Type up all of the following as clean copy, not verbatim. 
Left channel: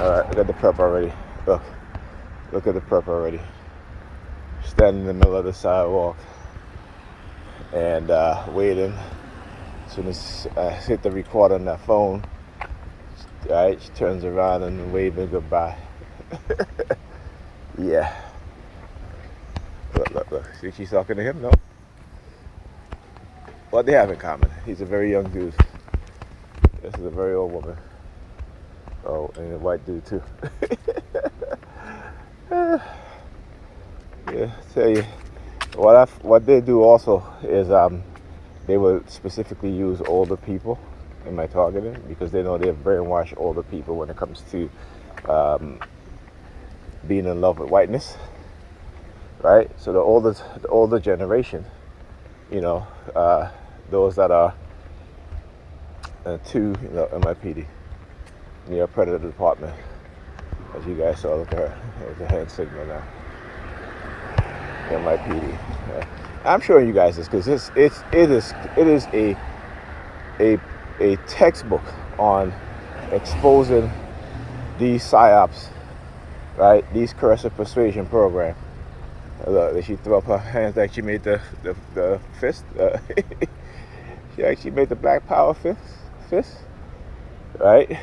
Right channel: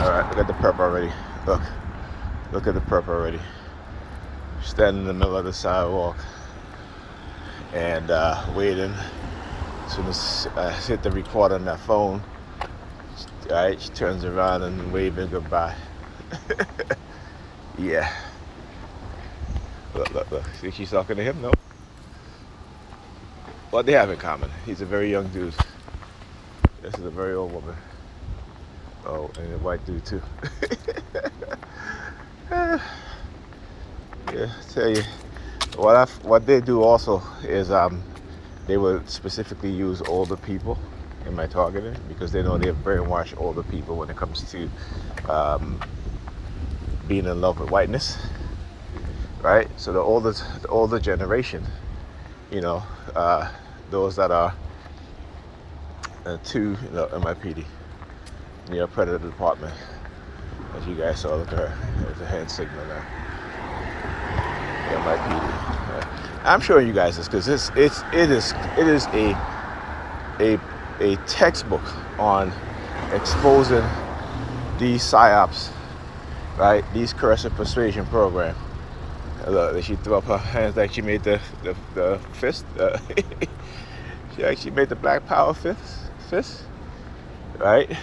All right, look at the perp already. Look at the perp already. Standing in the middle of the sidewalk and waiting. As soon as I hit the record on that phone, all right, she turns around and waving goodbye. Yeah. Look. See, she's talking to him, no? What they have in common? He's a very young dude. This is a very old woman. Oh, and a white dude too. Yeah, tell you. What they do also is they will specifically use older people in my targeting because they know they have brainwashed older people when it comes to being in love with whiteness, right? So the older generation, you know, those that are to NYPD, predator department, as you guys saw. Look at her. There's a hand signal now. NYPD. Yeah. I'm showing you guys this because it is a textbook on exposing these psyops, right? These coercive persuasion program. Look, she threw up her hands like she made the fist. She actually made the Black Power fist, right?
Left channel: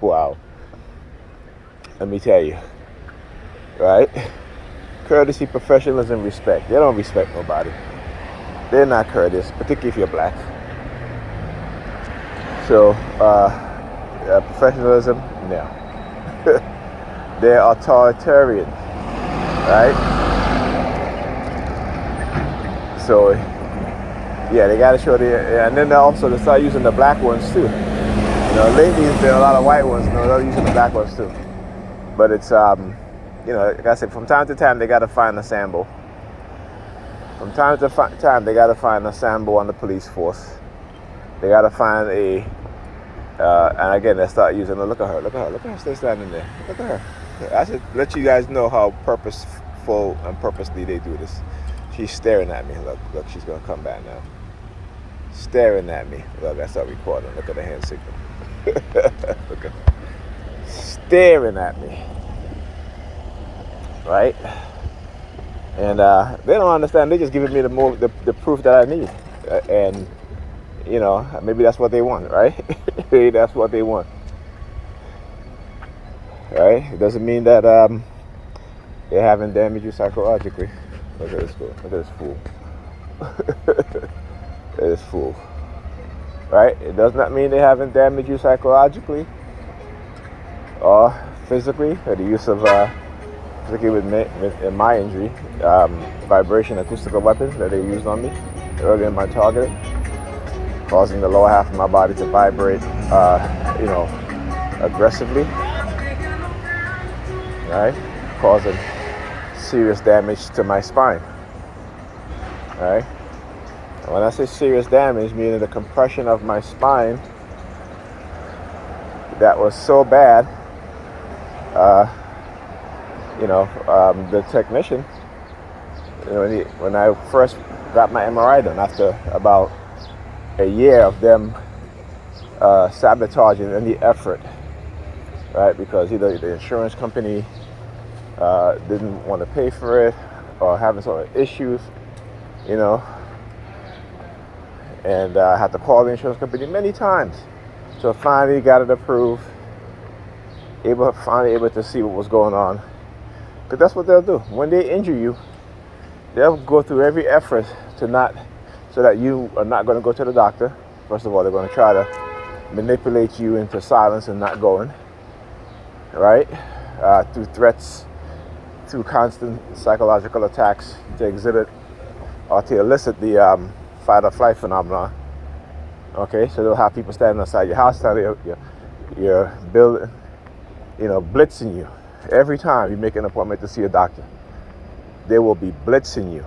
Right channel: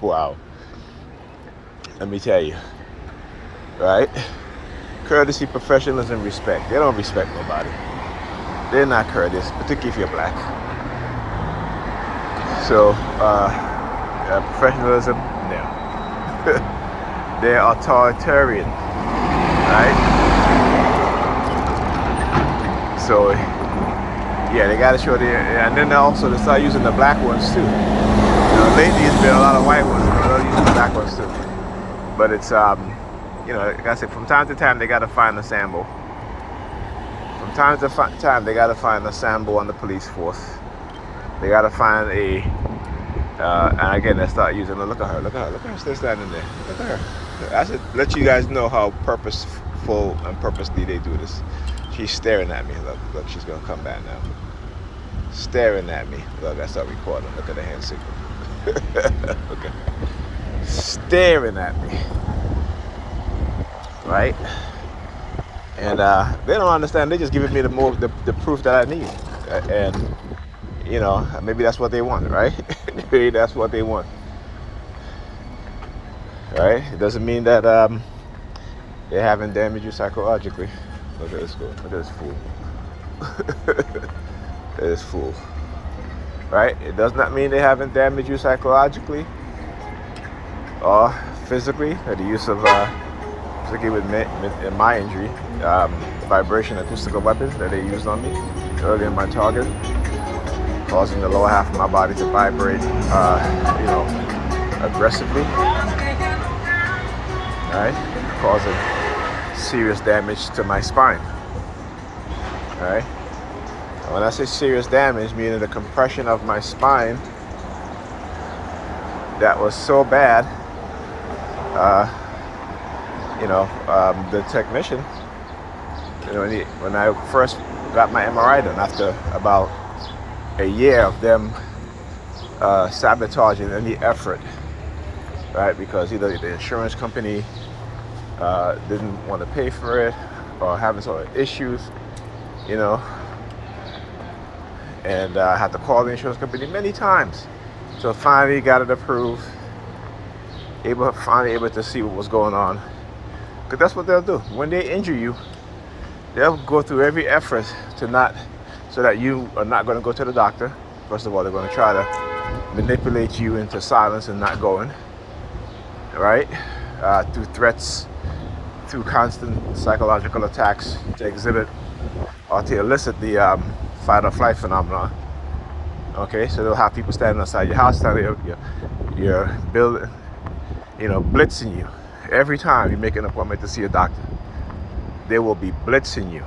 Wow. Let me tell you, right? Courtesy, professionalism, respect. They don't respect nobody. They're not courteous, particularly if you're black. So, professionalism, no. They're authoritarian, right? So, yeah, they got to show and then also they start using the black ones too. Lately it's been a lot of white ones, and they're using the black ones too. But it's, like I said, from time to time they got to find a sample. From time to time they got to find a sample on the police force. They got to find and again they start using. Look at her still standing there. Look at her. I should let you guys know how purposeful and purposely they do this. She's staring at me. Look, she's gonna come back now. Staring at me. Look, I start recording. Look at the hand signal. Okay. Staring at me. Right? And they don't understand. They're just giving me the proof that I need. And maybe that's what they want, right? Maybe that's what they want. Right? It doesn't mean that they haven't damaged you psychologically. Look at this guy. Look at this fool. Look at this fool. Right? It does not mean they haven't damaged you psychologically or physically. Or the use of, particularly with my injury, vibration acoustical weapons that they used on me early in my target, causing the lower half of my body to vibrate, aggressively. Right? Causing serious damage to my spine. Right? When I say serious damage, meaning the compression of my spine that was so bad, the technician, when I first got my MRI done, after about a year of them sabotaging any effort, right? Because either the insurance company didn't want to pay for it or having sort of issues, and I had to call the insurance company many times. So finally got it approved, finally able to see what was going on. Because that's what they'll do. When they injure you, they'll go through every effort so that you are not going to go to the doctor. First of all, they're going to try to manipulate you into silence and not going, right? Through threats, through constant psychological attacks to exhibit or to elicit the fight or flight phenomenon. Okay, so they'll have people standing outside your house, you're building, blitzing you. Every time you make an appointment to see a doctor, they will be blitzing you,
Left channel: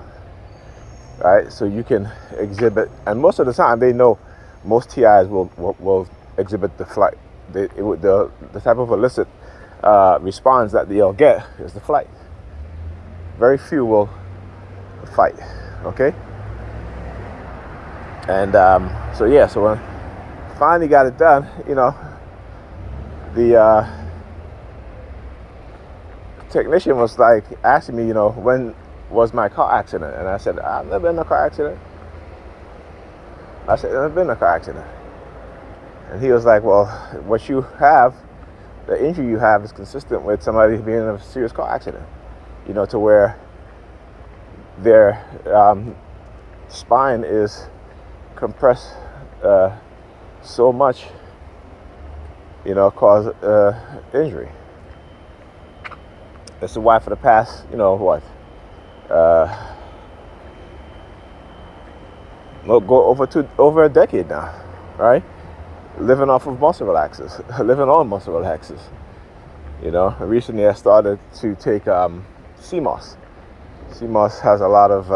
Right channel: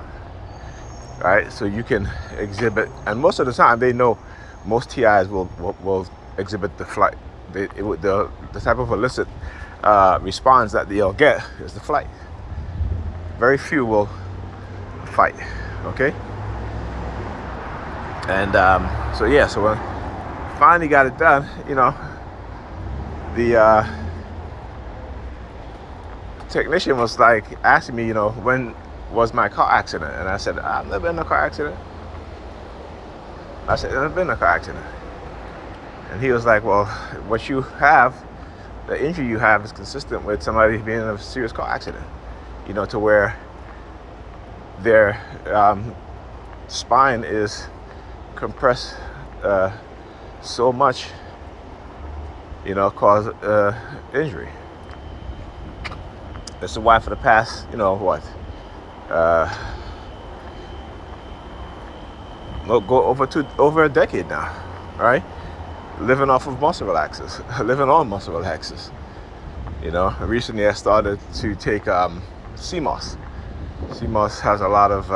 right? So you can exhibit, and most of the time they know most TIs will exhibit the flight. The type of illicit response that they'll get is the flight. Very few will fight, okay? And so when I finally got it done, technician was like asking me, when was my car accident? And I said, I've never been in a car accident. I said, I've never been in a car accident. And he was like, well, what you have, the injury you have is consistent with somebody being in a serious car accident, to where their spine is compressed so much, cause injury. This is why for the past, go over a decade now, right? Living off of muscle relaxers, living on muscle relaxers. Recently I started to take CMOS. CMOS has a lot of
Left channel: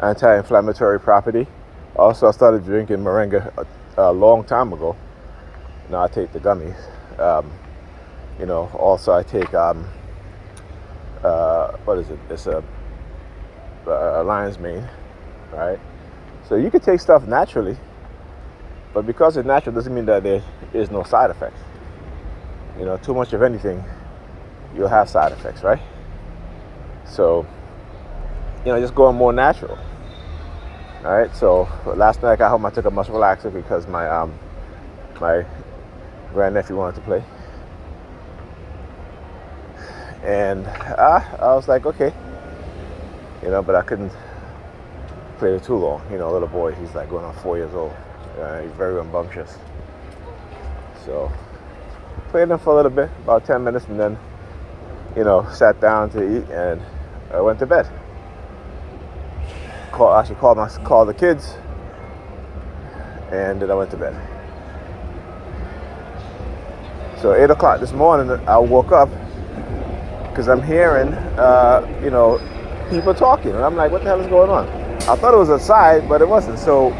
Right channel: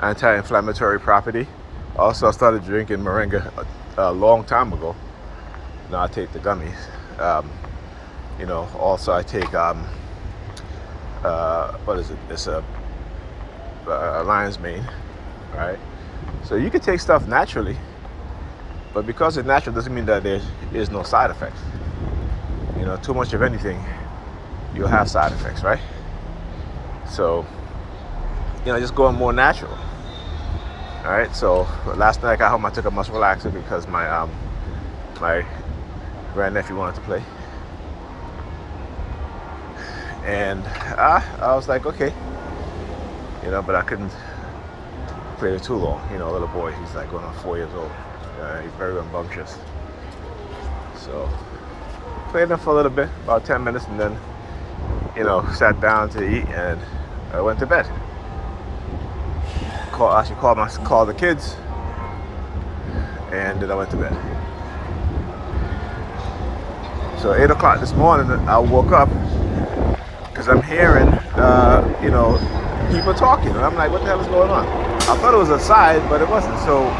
anti-inflammatory property. Also, I started drinking moringa a long time ago. Now I take the gummies. Also I take what is it? It's a lion's mane, right? So you can take stuff naturally, but because it's natural doesn't mean that there is no side effects. Too much of anything, you'll have side effects, right? So, just going more natural. All right. So last night I got home, I took a muscle relaxer because my grandnephew wanted to play, and I was like, okay, but I couldn't play it too long. Little boy, he's like going on 4 years old. He's very rambunctious. So played him for a little bit, about 10 minutes, and then, sat down to eat, and I went to bed. Called the kids, and then I went to bed. So 8 o'clock this morning, I woke up because I'm hearing, people talking, and I'm like, what the hell is going on? I thought it was outside, but it wasn't. So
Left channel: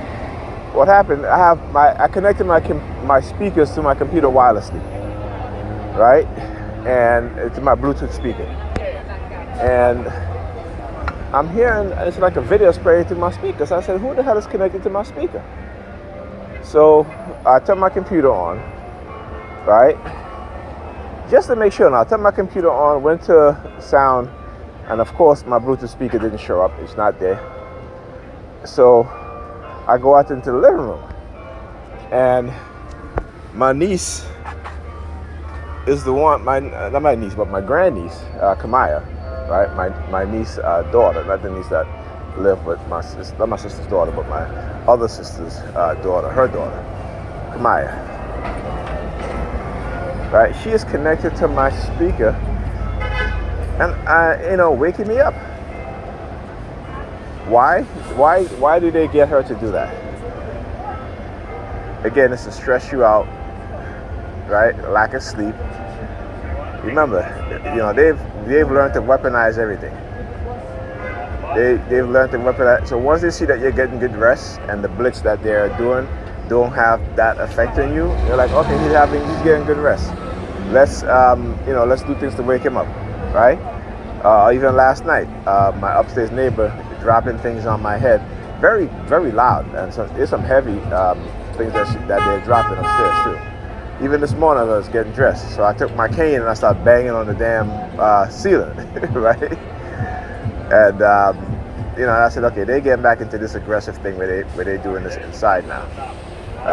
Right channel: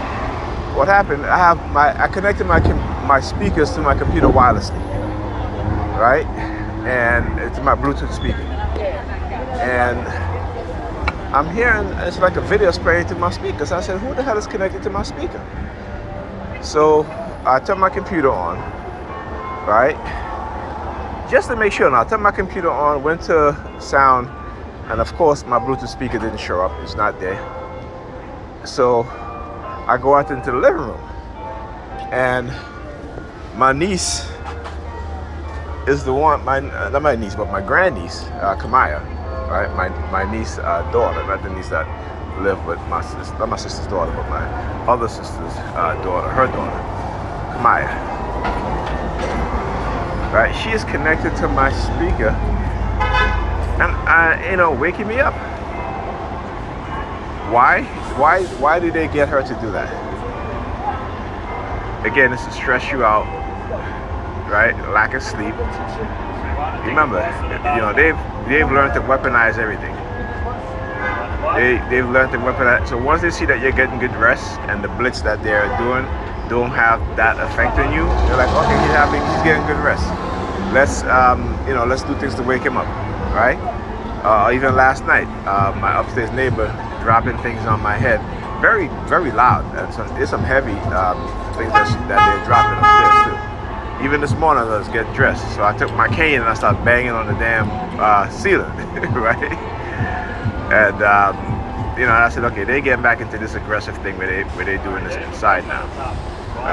what happened? I connected my speakers to my computer wirelessly, right? And it's my Bluetooth speaker. And I'm hearing, it's like a video spraying to my speakers. I said, who the hell is connected to my speaker? So I turned my computer on, right? Just to make sure. Now I turned my computer on, went to sound, and of course my Bluetooth speaker didn't show up. It's not there. So I go out into the living room, and my niece is the one, not my niece, but my grandniece, Kamaya, right? My niece daughter, not the niece that lived with my sister, not my sister's daughter, but my other sister's daughter, her daughter, Kamaya. Right? She is connected to my speaker, and waking me up. Why did they get her to do that? Again, it's to stress you out, right? Lack of sleep. Remember, they've learned to weaponize everything. They've learned to weaponize. So once they see that you're getting good rest and the blitz that they're doing don't have that effect on you, they're like, okay, he's getting good rest. Let's do things to wake him up, right? Even last night, my upstairs neighbor dropping things on my head, very, very loud, and there's some heavy things that they're dropping upstairs too. Even this morning I was getting dressed, so I took my cane and I started banging on the damn ceiling, right? And I said, okay, they're getting back into this aggressive thing where they're doing this inside now. I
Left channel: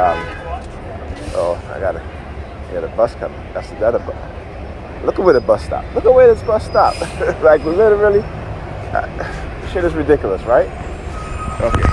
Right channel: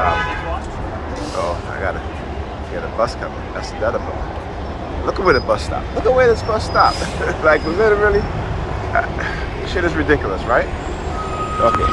got a bus coming. That's the other one. Look at where the bus stopped. Look at where this bus stopped. Like literally, shit is ridiculous, right? Okay.